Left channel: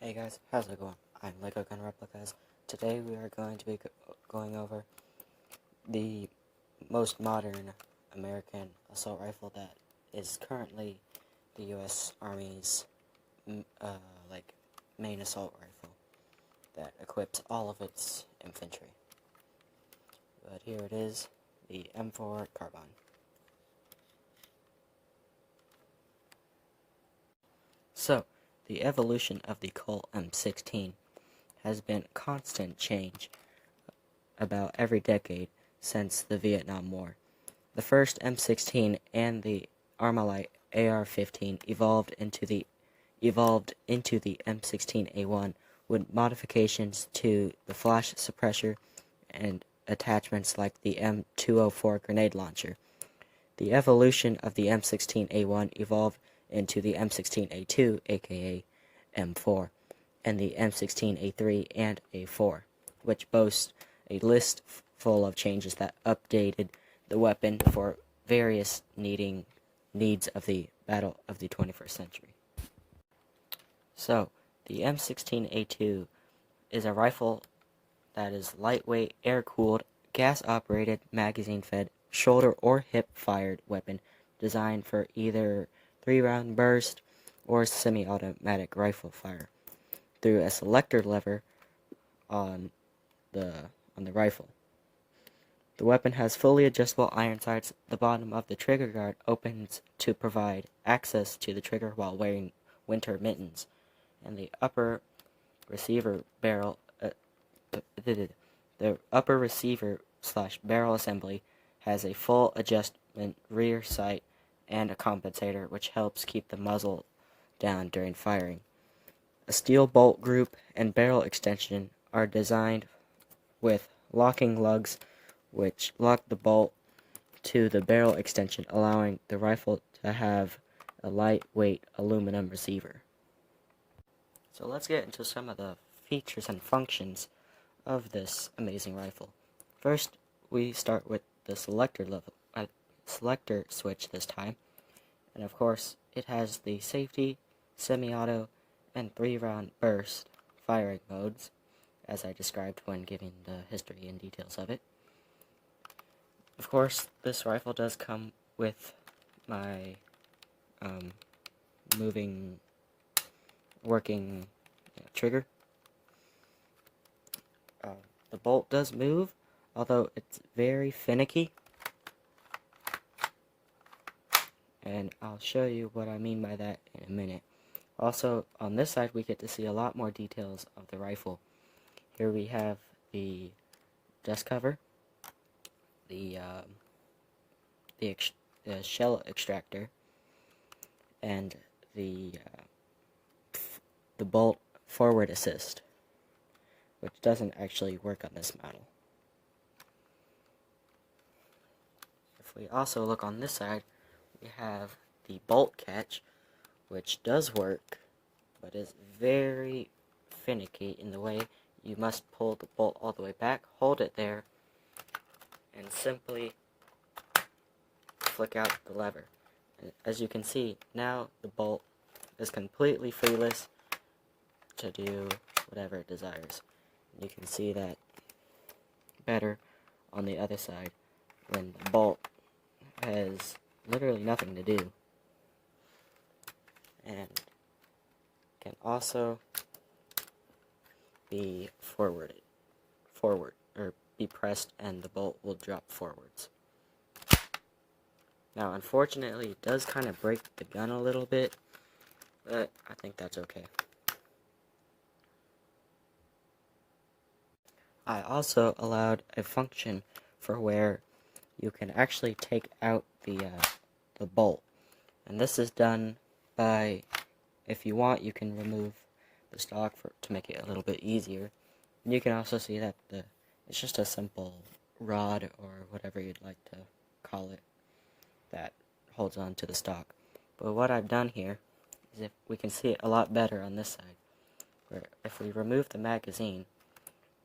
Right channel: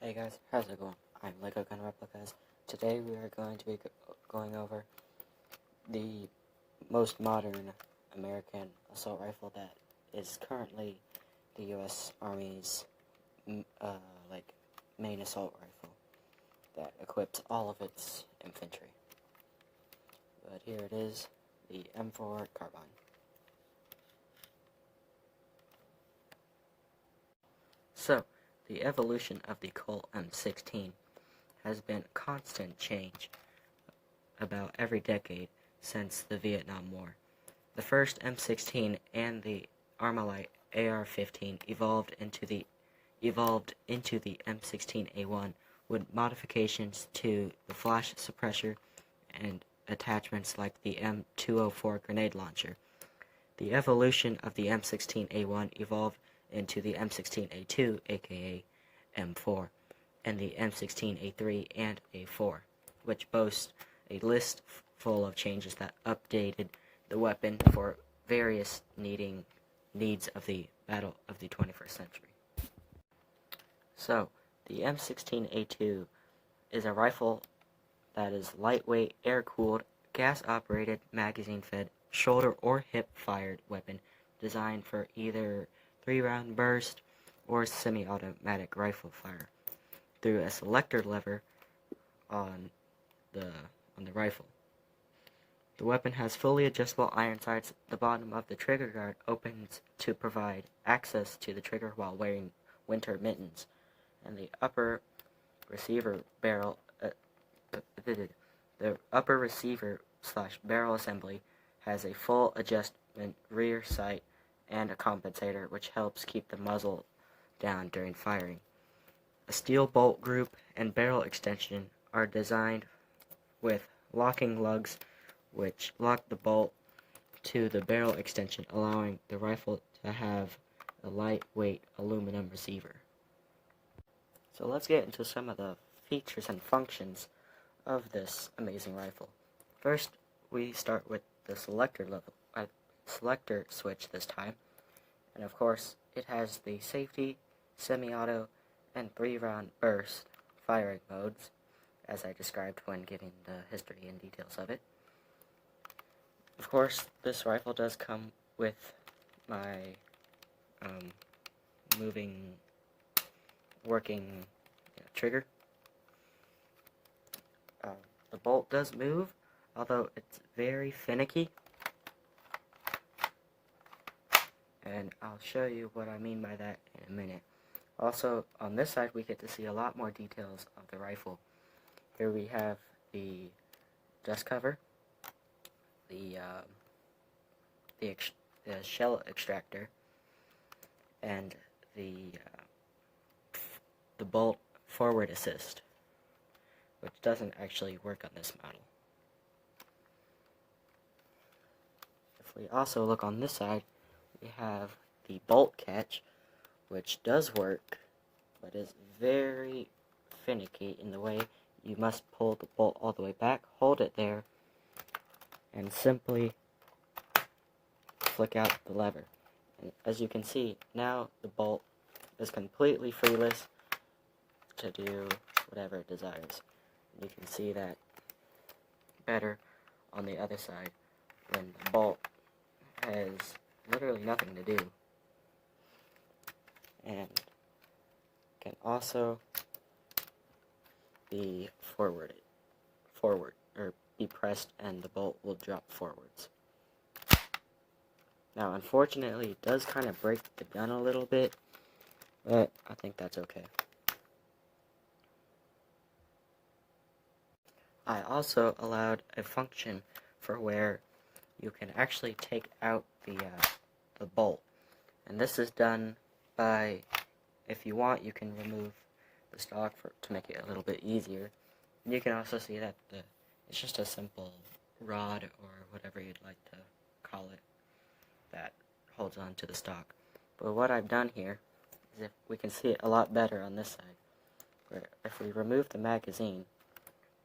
Hey guys, how's it going? I'm Lego Gun Replicas. Today we are going to be going over the most modern American assault rifle that is currently the U.S. Army's main assault rifle that equips all of its infantry. But here it is, the M4 Carbine. So, the evolution of the Colt M16 has been constant change about every decade since the Vietnam War. The first M16 and the Armalite AR-15 evolved into the M16A1 with modifications to the flash suppressor and attachments like the M204 grenade launcher. The evolution of the M16A1 evolved into the M16A2, aka M4, and the M16A3 and A4, which boasts a list full of changes that updated the weapon for various needs of the battle of the 21st century. So, the M16A2 is a rifle that is lightweight, air-cooled, gas-operated, magazine-fed, shoulder or hip-fired weapon designed for either 3-round burst or semi-automatic rifle fire through a selector lever on the rifle. The weapon has fully adjustable iron sights. The bottom of the trigger guard opens to provide access to the trigger while wearing winter mittens, and the upper receiver barrel / barrel assembly has a full adjustment rear sight and a compensator, which helps keep the muzzle down during firing. A steel bolt group and barrel extension are designed with locking lugs, which lock the bolt to the barrel extension, allowing the rifle to have a lightweight aluminum receiver. So let's get into some of the features and functions of this amazing rifle. First, we start with the selector switch this time, and of course it has the safety, semi-auto, and 3-round burst firing modes, as I described when giving the history and details of it. Of course, this rifle does come with my working trigger. The bolt does move, although it's very finicky, and I'll show you what I mean by that in a minute. Also, on this side, we get to see a lot more details of the rifle. Here we have the dust cover, the shell extractor, and the bolt forward assist, which doesn't actually work on this model. If we also look on this side, we have the bolt catch, which does work, but is very finicky in the way you must pull the bolt all the way back, hold it there, and simply flick out the lever. And as you can see, now the bolt is completely freeless to do whatever it desires. You can see that better on the other side, when the bolt has literally nothing to do, and can also be forward, or be pressed and the bolt will drop forwards. Now, unfortunately, it does kind of break the gun a little bit, but I think that's okay. I also allowed a function for where you can actually take out the bolt, and this is done by, if you want, you can remove the stock to make it a little bit easier. And you can also see that it's just a simple rod, or whatever you'd like to call it, that holds on to the stock. But what I've done here is, if we can see it a lot better on this side, where if we remove the magazine,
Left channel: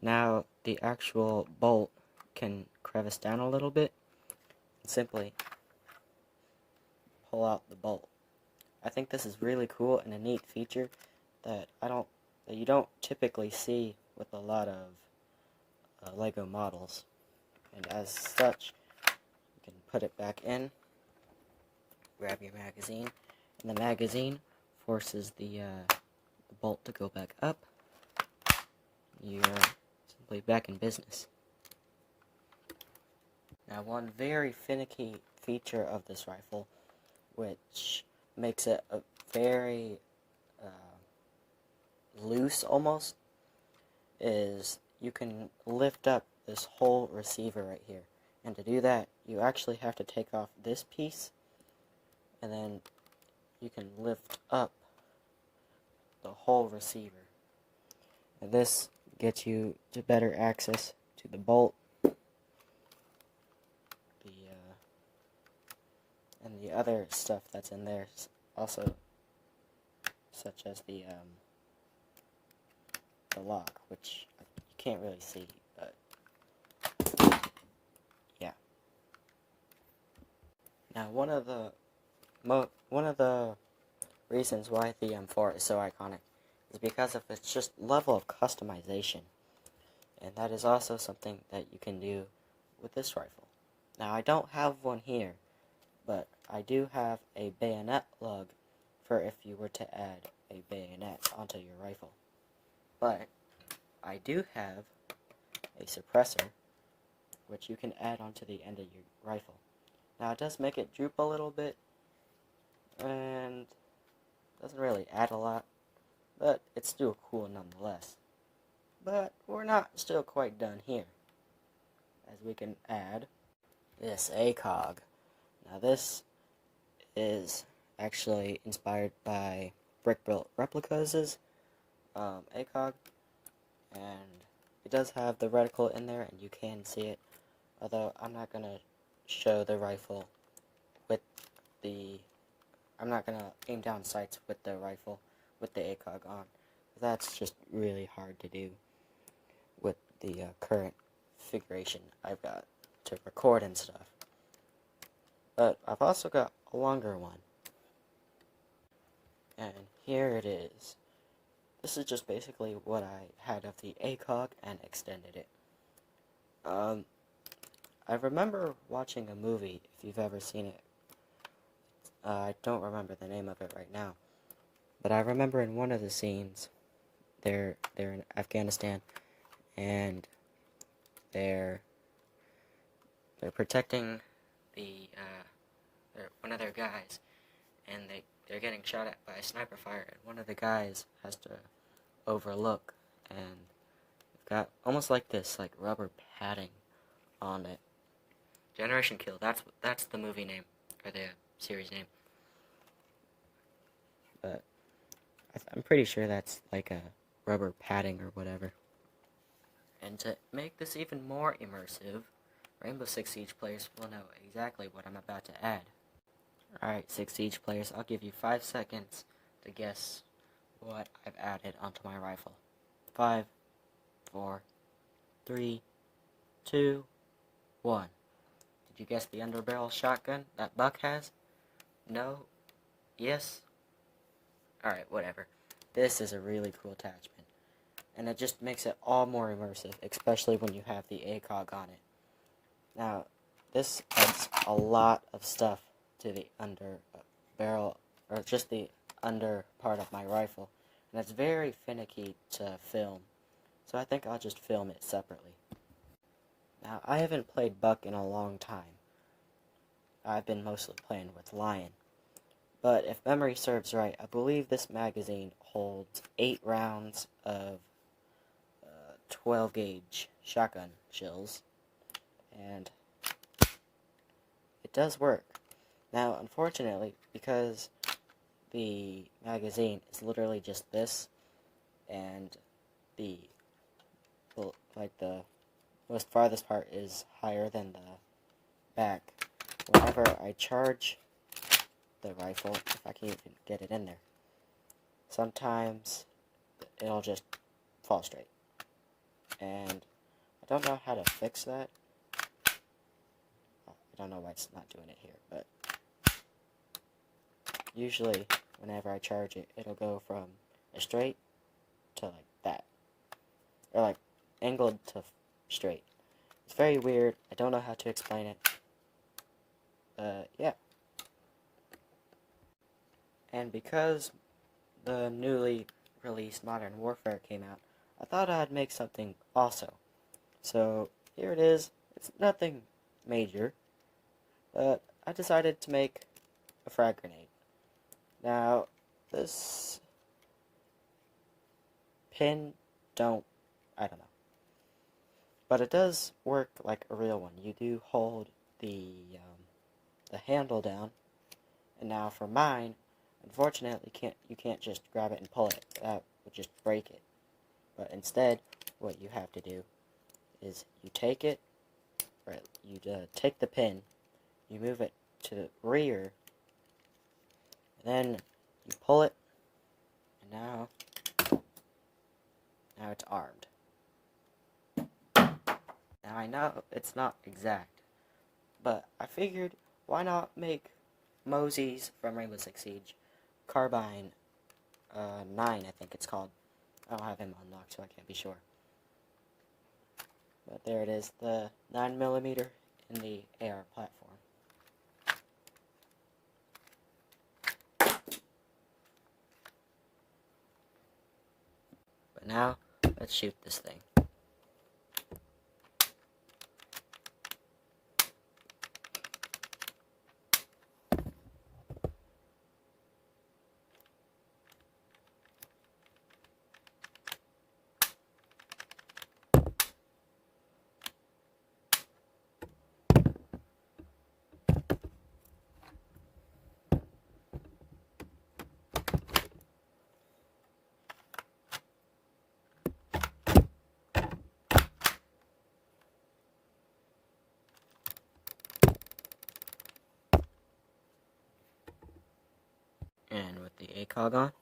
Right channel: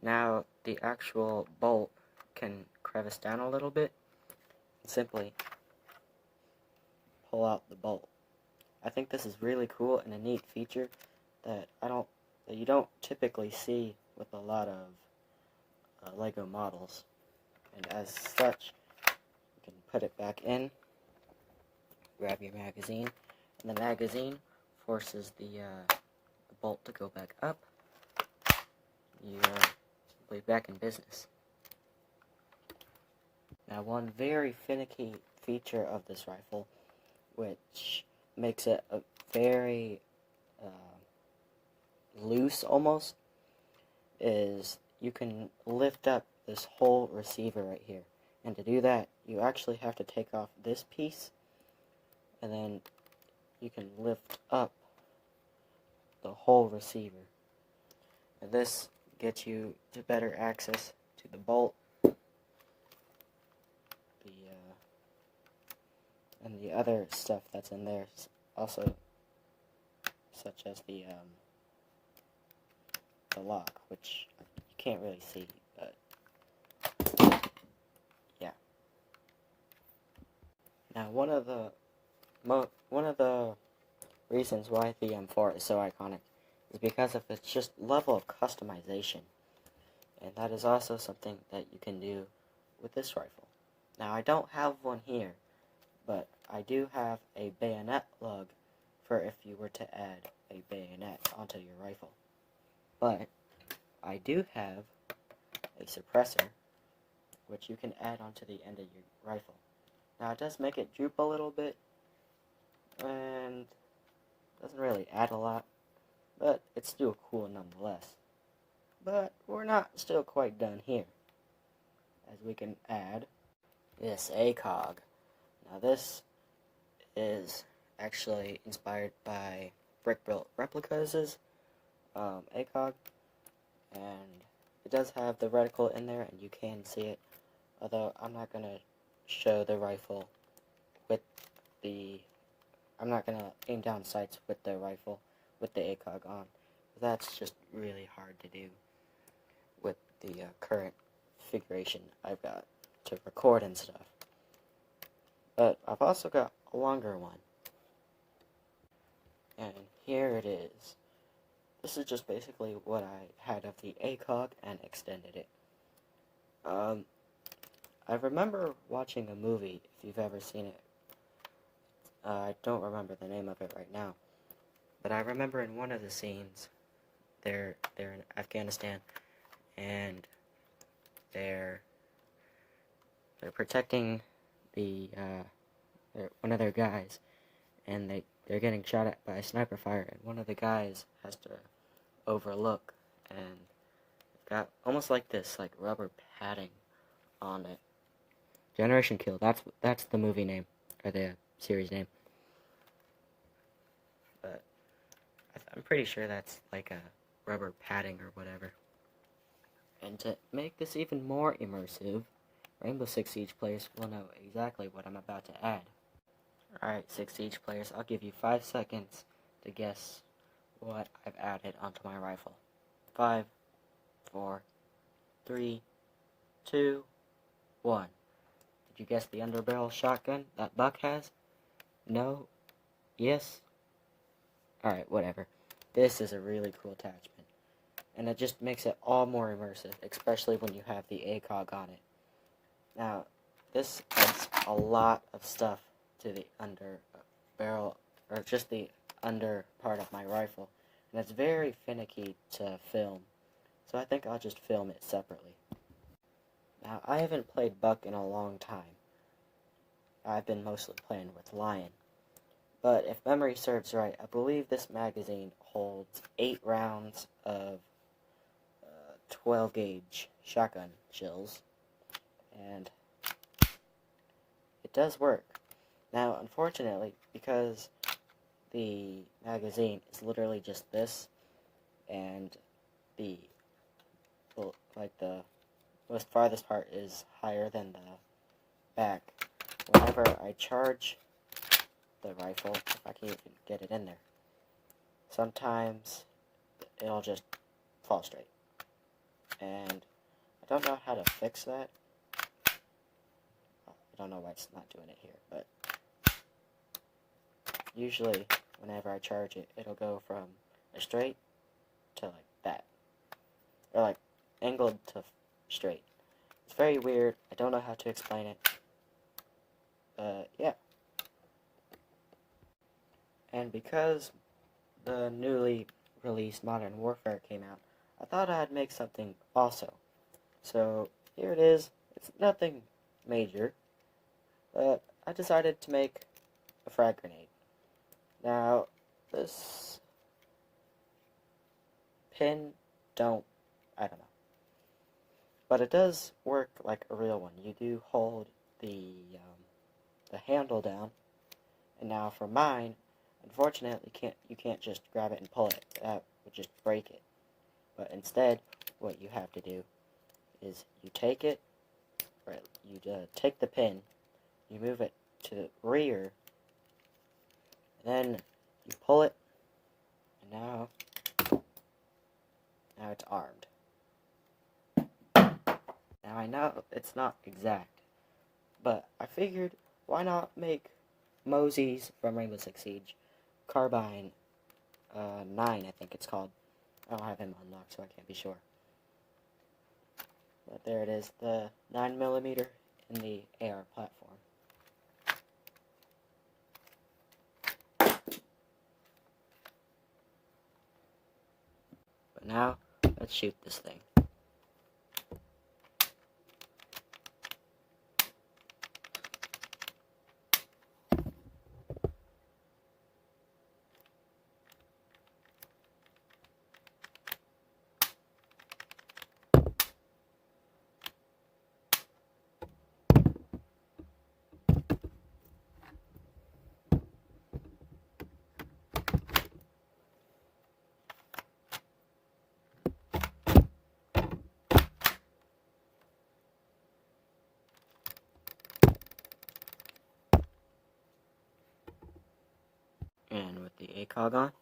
now the actual bolt can crevice down a little bit and simply pull out the bolt. I think this is really cool and a neat feature that I don't that you don't typically see with a lot of Lego models. And as such, you can put it back in, grab your magazine, and the magazine forces the bolt to go back up. You're simply back in business. Now, one very finicky feature of this rifle, which makes it a very loose almost, is you can lift up this whole receiver right here. And to do that, you actually have to take off this piece, and then you can lift up the whole receiver. And this gets you to better access to the bolt, and the other stuff that's in there, also, such as the lock, which you can't really see, but yeah. Now, one of the reasons why the M4 is so iconic is because of its just level of customization, and that is also something that you can do with this rifle. Now, I don't have one here, but I do have a bayonet lug for if you were to add a bayonet onto your rifle. But I do have a suppressor, which you can add onto the end of your rifle. Now, it does make it droop a little bit, and doesn't really add a lot, but it's still cool nonetheless. But we're not still quite done here, as we can add this ACOG. Now, this is actually inspired by Brick Built Replicas' ACOG, and it does have the reticle in there, and you can see it, although I'm not going to show the rifle with the, I'm not going to aim down sights with the rifle with the ACOG on. That's just really hard to do with the current configuration I've got to record and stuff. But I've also got a longer one, and here it is. This is just basically what I had of the ACOG and extended it. I remember watching a movie, if you've ever seen it. I don't remember the name of it right now, but I remember in one of the scenes, they're in Afghanistan, and they're protecting the one of their guys, and they're getting shot at by sniper fire, and one of the guys has to overlook, and it's got almost like this, like rubber padding on it. Generation Kill, that's the movie name, or the series name. But I'm pretty sure that's like a rubber padding or whatever. And to make this even more immersive, Rainbow Six Siege players will know exactly what I'm about to add. Alright, Six Siege players, I'll give you 5 seconds to guess what I've added onto my rifle. 5, 4, 3, 2, 1. Did you guess the underbarrel shotgun that Buck has? No? Yes? Alright, whatever. This is a really cool attachment, and it just makes it all more immersive, especially when you have the ACOG on it. Now, this adds a lot of stuff to the under barrel, or just the under part of my rifle, and it's very finicky to film, so I think I'll just film it separately. Now, I haven't played Buck in a long time. I've been mostly playing with Lion. But if memory serves right, I believe this magazine holds 8 rounds of 12 gauge shotgun shells, and it does work. Now, unfortunately, because the magazine is literally just this, and the most farthest part is higher than the back, whenever I charge the rifle, if I can even get it in there, sometimes it'll just fall straight, and I don't know how to fix that. I don't know why it's not doing it here, but usually whenever I charge it, it'll go from a straight to like that, or like angled to straight. It's very weird. I don't know how to explain it. Yeah. And because the newly released Modern Warfare came out, I thought I'd make something also. So here it is. It's nothing major, but I decided to make a frag grenade. Now, this pin I don't know. But it does work like a real one. You do hold the handle down, and now for mine, unfortunately, you can't just grab it and pull it. That would just break it. But instead, what you have to do is you take it, or you take the pin, you move it to the rear, and then you pull it, and now it's armed. Now I know it's not exact, but I figured why not make Mosey's from Rainbow Six Siege Carbine 9, I think it's called. I don't have him unlocked, so I can't be sure. But there it is, the 9mm in the AR platform. But now, let's shoot this thing. And with the ACOG on,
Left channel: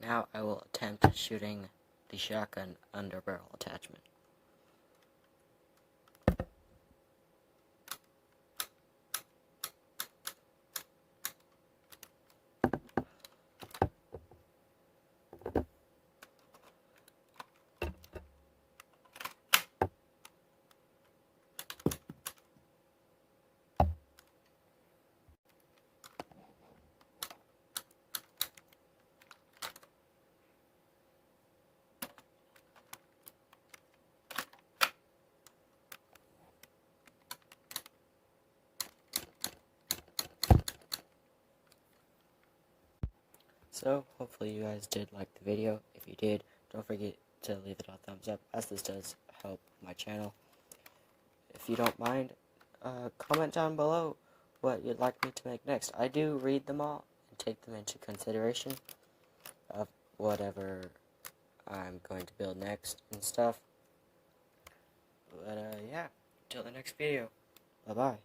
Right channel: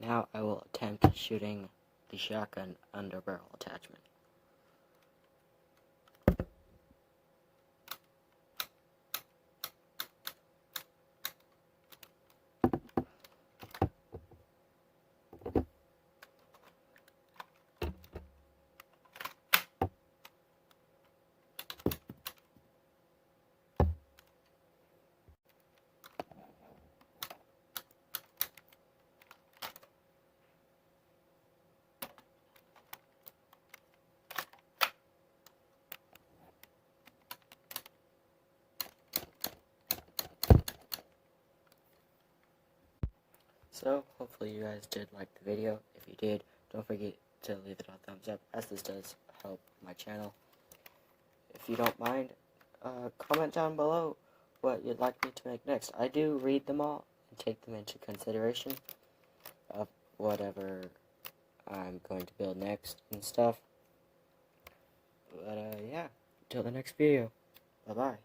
now I will attempt shooting the shotgun underbarrel attachment. So, hopefully you guys did like the video. If you did, don't forget to leave it a thumbs up, as this does help my channel. If you don't mind, comment down below what you'd like me to make next. I do read them all and take them into consideration of whatever I'm going to build next and stuff. But, yeah, until the next video, bye-bye.